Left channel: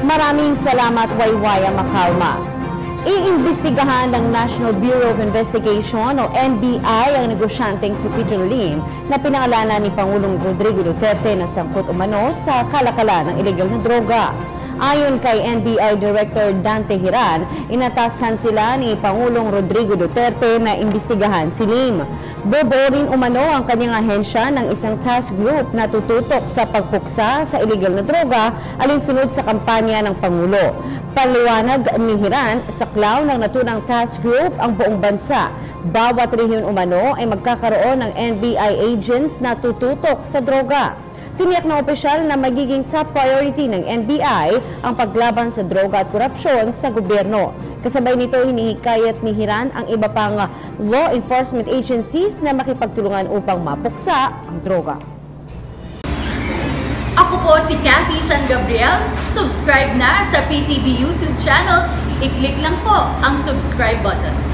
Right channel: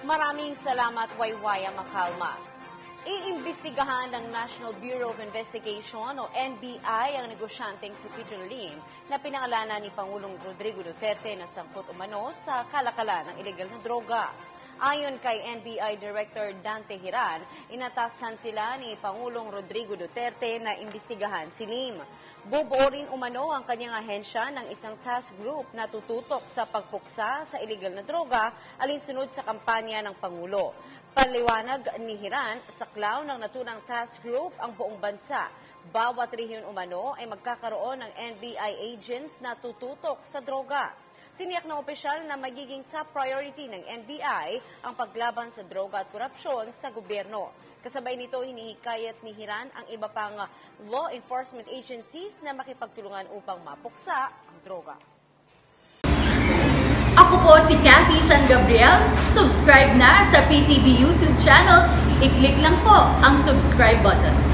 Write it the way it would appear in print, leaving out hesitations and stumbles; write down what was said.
Maraming salamat, Waywaya Makalma. Iimbestigahan ng National Bureau of Investigation o NBI ang negosyanteng si Peter Lim na pinangalanan ni Pangulong Rodrigo Duterte na sangkot umano sa kalakalan ng ilegal na droga. Ayon kay NBI Director Dante Hiran, inatasan sila ni Pangulong Rodrigo Duterte na imbestigahan si Lim. Bubuo rin umano ang kanyang ahensya ng isang task group na tututok sa pagpuksa sa ilegal na droga alinsunod sa kampanya ng Pangulo. Paliwanag ni Hiran, sa klaw ng naturang task group ang buong bansa. Bawat rehiyon umano ay magkakaroon ng NBI agents na tututok sa droga. Tiniyak ng opisyal na magiging top priority ng NBI ang paglaban sa droga at korupsyon sa gobyerno. Kasabay nito, hinihikayat ni Hiran ang iba pang law enforcement agencies na makipagtulungan upang mapuksa ang droga. Ako po si Cathy San Gabriel. Subscribe na sa PTV YouTube channel. I-click lang po ang subscribe button.